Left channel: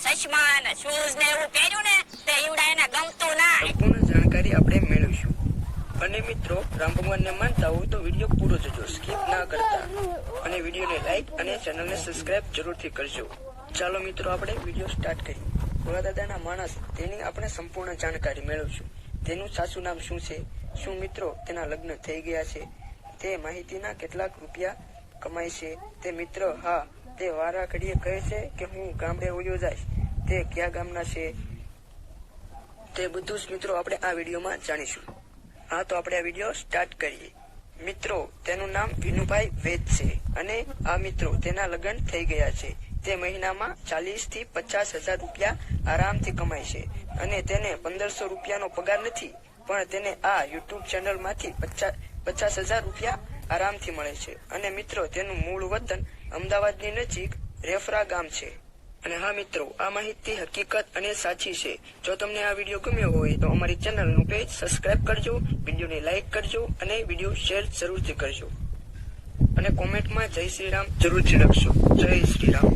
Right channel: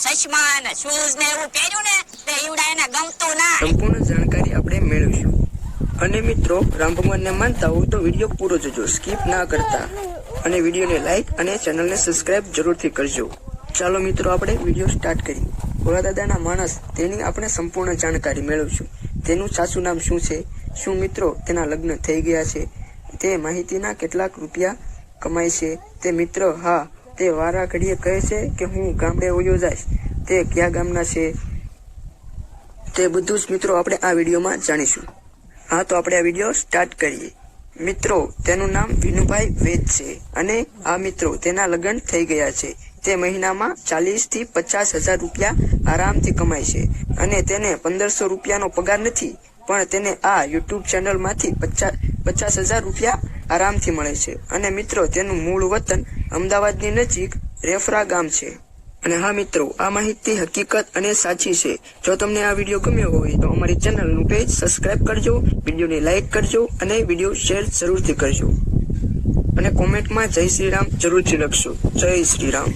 ચશ્મા શૂઝ ને એવું પહેર્યું ને તે ઈવડા એને ગમતું ના સંપૂર્ણ જાણકારી આપણે મેળવીશું અને મિત્રો રામ ભગવાનને માનતા હોય તો વિડીયો પૂરો જજો સ્કીપ ના કરતા અને વિડીયોને લાઈક અને ચેનલને સબસ્ક્રાઇબ જરૂરથી કરજો ચાલો મિત્રો આપણે વિડીયો સ્ટાર્ટ કરીએ ભોળા દાદાના માણસ તેની આપણે સંપૂર્ણ જાણકારી મેળવીશું તેનું સાચું નામ શું છે શું મિત્રો તેના લગ્ન થઈ ગયા છે તે માહિતીના કેટલાક રૂપિયા કમાય છે તે મિત્ર હા તે વારાઘડીએ કહે છે કે હું ગામડે ઓયો જઈશ તે કયા ગામના છે તે બધું જ મિત્રો આપણે આ વિડીયોમાં જાણીશું હા તો આપણે આ વિડીયો સ્ટાર્ટ કરીએ મિત્રો તેનું નામ વિનુભાઈ વેદ છે અને આ મિત્રો તેના લગ્ન થઈ ગયા છે તે મહિનામાં ચાલીસથી પચાસ હજાર રૂપિયા આરામથી કમાય છે અને તેને પંદરસો રૂપિયાનો પગાર નથી પણ તેને આ યુટ્યુબ ચેનલમાંથી પચાસ પચાસ હજાર રૂપિયા આરામથી મળે છે અને મિત્રો તેનું મૂળ વતન અમદાવાદની નજીક રેફરા ગામ છે અને હા મિત્રો આ માહિતી હકીકત અને સાચી છે જો તમને આ વિડીયો ગમ્યો હોય તો અમારી ચેનલનું પેજ સબસ્ક્રાઇબ કરજો વિડીયોને લાઇક કરજો અને વિડીયો શેર જરૂરથી કરજો અને કોમેન્ટમાં જય શ્રી રામ જરૂરથી લખશો જય શ્રી રામ